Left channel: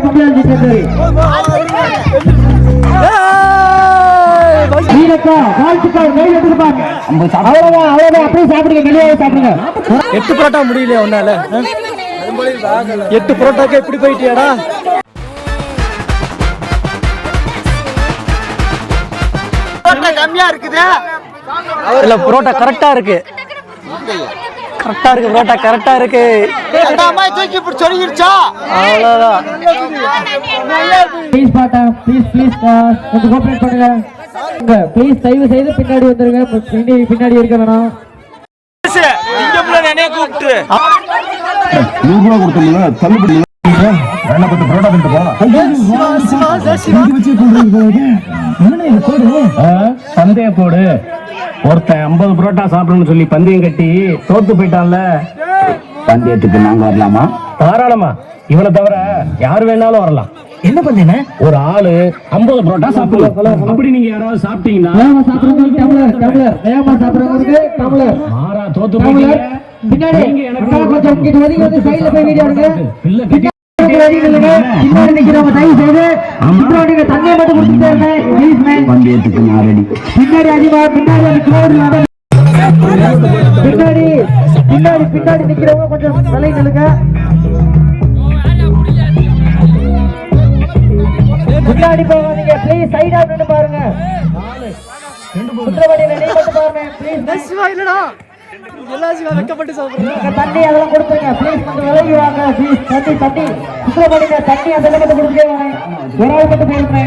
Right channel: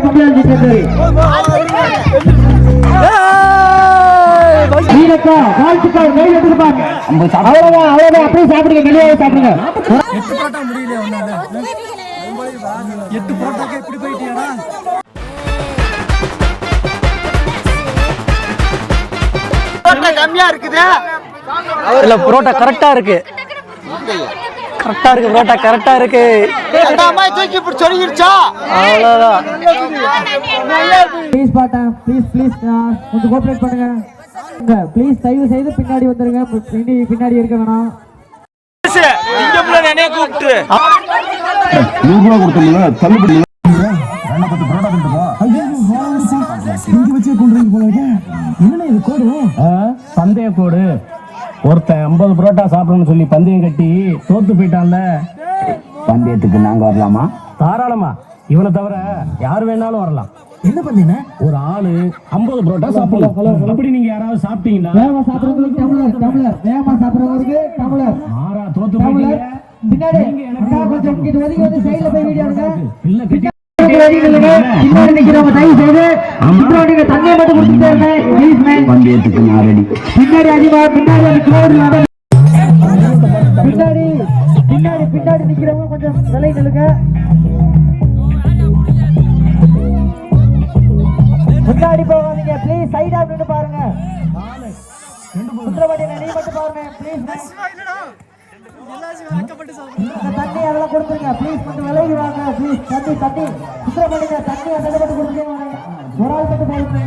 சரி வீரக்கா வாழ்த்துக்கள் கையில் எடுத்துருப்பாங்க அவ்வளவுதான் அவ்வளவுதான் அப்படியே சாப்பிடுங்க வெளியே சாப்பிடுங்க எட்டு புரோட்டா முடியலையா உன்னால? எட்டு புரோட்டாக்கே இப்படி போயிட்டியாடா? கம்மியா இருக்குது. இல்ல புரோட்டா கரெக்டா இருக்கு. கரெக்டா இருக்கு புரோட்டா கரெக்டா இருக்கு. அந்த அம்மா தூக்கி இப்படி சொல்லிடுச்சா அவ்வளவுதான். ப்ளீஸ் பாட்டா ப்ளீஸ் ப்ளீஸ் கொஞ்சம் கோஆபரேட் பண்ணுங்க. ப்ளீஸ் தயவு செய்து பின்னாடி வந்துருங்க. பின்னாடி பின்னாடி இருக்க வேணாம். தள்ளுபடி போடு ஒருத்தன் ஐம்பது புரோட்டா சாப்பிடணும்னு சொல்லி பந்தயம் கட்டி தோத்து போயிட்டான்ல. பந்தயத்துக்கு நாங்க வரலாமா? தாராளமா. இவனை தவிர யார் வேணாலும் வரலாம். என்ன பண்ணீங்க ஒரு ஆளு ஐம்பது புரோட்டா சாப்பிடலாம் அப்படி நீங்க யாராவது சாப்பிட்டீங்கன்னா மாறா தோத்து போயிட்டீங்க. பின்னாடி. கொஞ்சம் சைடுல போய் வீடியோ எடுங்க பின்னாடி நிக்கிறவங்க தயவு செய்து நீங்க தண்ணியை மட்டும் குடிச்சிட்டே இருங்க. ப்ளீஸ் மேன் பந்தயத்துக்கு நான் ரெடி பின்னாடி அதிகமா பின்னாடி அந்த பின்னாடி பின்னாடி பின்னாடி நிக்கிறவங்க கொஞ்சம் விலை நிலுங்க ப்ளீஸ் சைடா நின்னு பாருங்க. சுத்திரவண்டியில நீ மட்டும் பாருங்க. ப்ளீஸ் சிவா இல்லடா எல்லா சிவா வெக்கப்பட்டு சாப்பிடுறேன் தண்ணி அதெல்லாம் கொடுத்துருங்க. ப்ளீஸ் தண்ணி தண்ணி சுத்திரவண்டியில தண்ணி அந்த கொடுத்துட்டே வாங்க ஒரு ஆள் மட்டும் போயிருங்க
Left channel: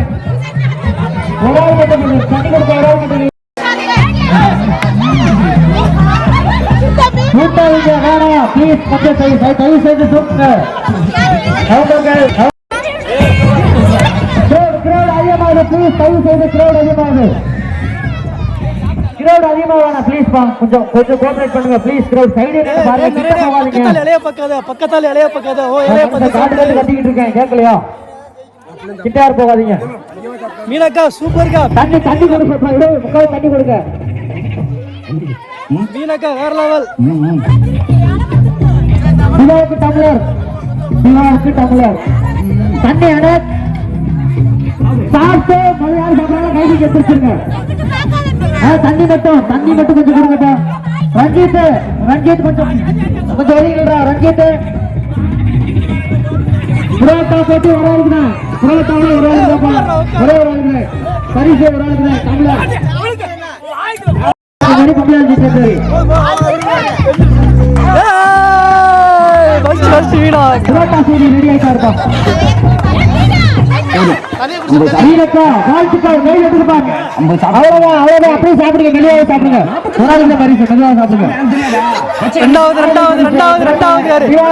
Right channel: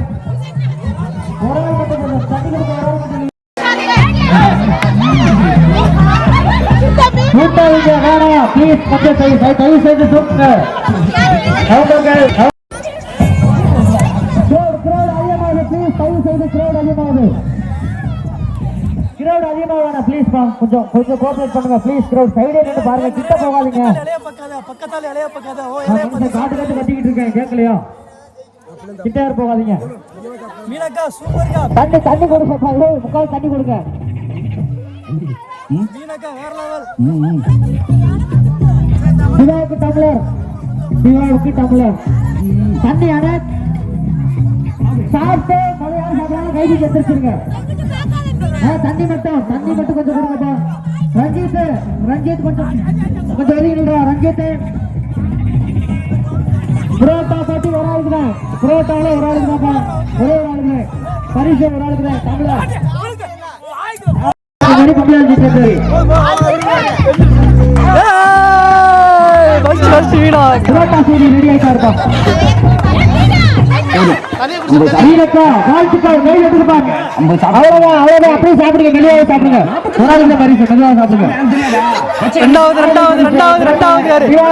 ஒரு ஆள் மட்டும். தண்ணி கொடுக்க ஒரு ஆள் மட்டும். கூட்டாளிங்க வேணாம் ப்ளீஸ் கொஞ்சம் தயவு செய்- தயவு செய்து தூக்குங்க அவங்க crowd அதிகமாகுது ப்ளீஸ் தயவு செய்து crowd அதிகமாகுது. Crowd அதிகமா வேணாம் ப்ளீஸ் பா கொஞ்சம் கொஞ்சம் கோஆபரேட் பண்ணுங்க ப்ளீஸ் crowd சைடு நின்னு பாருங்க பக்கத்தால இலைய பக்காத பக்கத்தால இலைய பக்காத. ஓ அந்த பக்காத காட்டுல சாப்பிடு. கத்திக்கிட்டு இருக்கேன் கேட்கலையா கிட்ட யாரும் போகாதீங்க. மீனாக்கா சூப்பர்க்கா தண்ணி தண்ணி கொடுங்க விடு, முக்கால் தண்ணி கொடுங்க. மீனாக்கா வேற லெவல் சிவாவுக்கு டம்ளர் சிவாவுக்கு டம்ளர் தண்ணி அட சாப்பிட்டு மலையாள சாப்பாடு கைதிக்கு எடுத்துருங்க தண்ணி மட்டும் தண்ணி மட்டும் கொஞ்சம் கொடுங்கப்பா. ரஞ்சித் ரஞ்சித் கொஞ்சம் கொஞ்சம் ஒதுங்கிடுறா ரஞ்சித். புரோட்டா போட்டு ஒரு ஆளுக்கு தான். புரோட்டாவில் ஒரு ஆளுக்கு தான்ப்பா. ஒரே ஒரு ஆளுக்கு. பரிசு ஒரு ஆளுக்கு தான். தமிழா. மணி புரோட்டா சூடி ரெடி ஆயிட்டா இருப்பா வீரக்கா வாழ்த்துக்கள் கையில் எடுத்துருப்பாங்க அவ்வளவுதான் அவ்வளவுதான். அப்படியே சாப்பிடுங்க வெளியே சாப்பிடுங்க. ஒரு ஆளுக்கு பரிசு மெதுவாக சாப்பிடுங்க. ரெண்டாவது ரெண்டாவது ரெண்டாவது ரெண்டாவது யாரு? சிவா,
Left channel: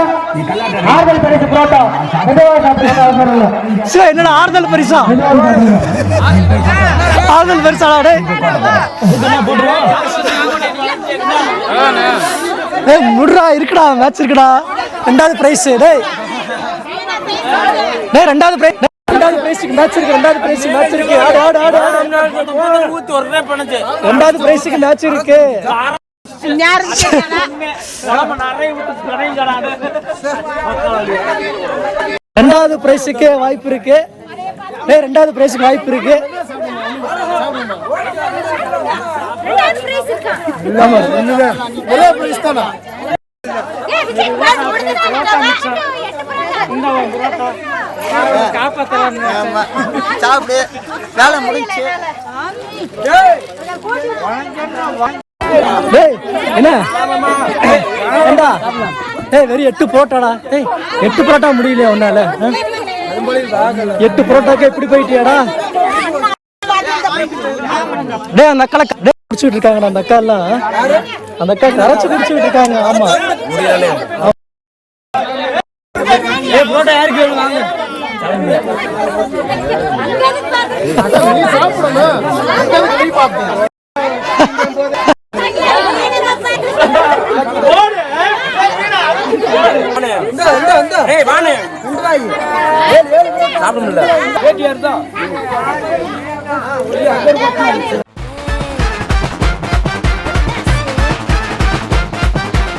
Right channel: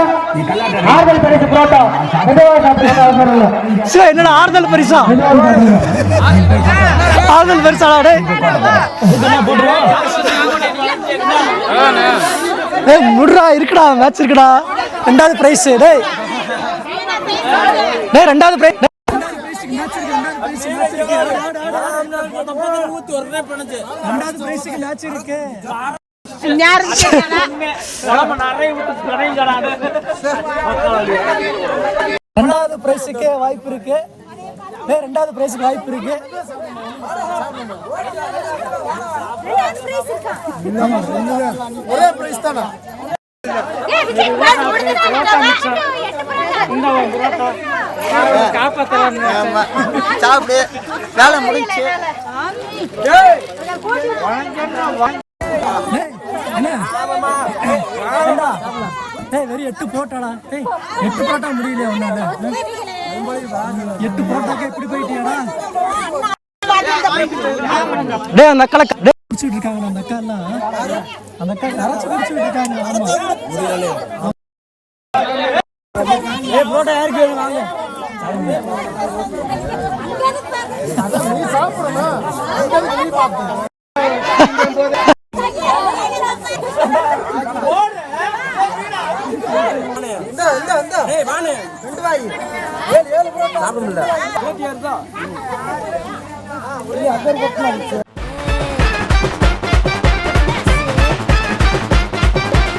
ஆறுதல் பரிசு புரோட்டா மெதுவாக சாப்பிடுங்க அவசரம் இல்லை. சிவா என்னடா ஆறுதல் பரிசா? ஆறுதல் பரிசாடா ஏய் முடுறா இருக்குடா மேட்ச் இருக்குடா. ரெண்டாவது பிரைஸ் டேய். டேய் ரெண்டாவது பிரைஸ் பிரைஸ்க்கு மேட்ச் இருக்கு ரெண்டாவது பிரைஸ் மேட்ச் இருக்கு. ஆடு ஆடு ஆடு ஆடு. ஊத்து வரவே பண்ணுச்சு ரெண்டாவது பிரைஸ்க்கு மேட்ச் இருக்கு ரெண்டாவது பிரைஸுக்கு வாய்ப்பு இருக்கு. ரெண்டாவது பிரைஸுக்கு வாய்ப்பு இருக்கு. ஒரே பிரைஸ் தானா? சாப்பிடு வேலை முடிஞ்சு. டேய் என்ன? ஏண்டா? டேய் வெறும் எட்டு புரோட்டாடா. டேய் எட்டு புரோட்டா முடியலையா உன்னால? எட்டு புரோட்டாக்கே இப்படி போயிட்டியாடா? டேய் அந்த அக்கால டேய் குடிச்சிட்டு இருக்காங்கடா அந்த அக்கா எல்லாம் அந்த அக்கா கரைச்சு குடிச்சிட்டு இருக்காங்க ஆமா. ஆமா. யாருக்கு வாங்க. சாப்பிட முடியல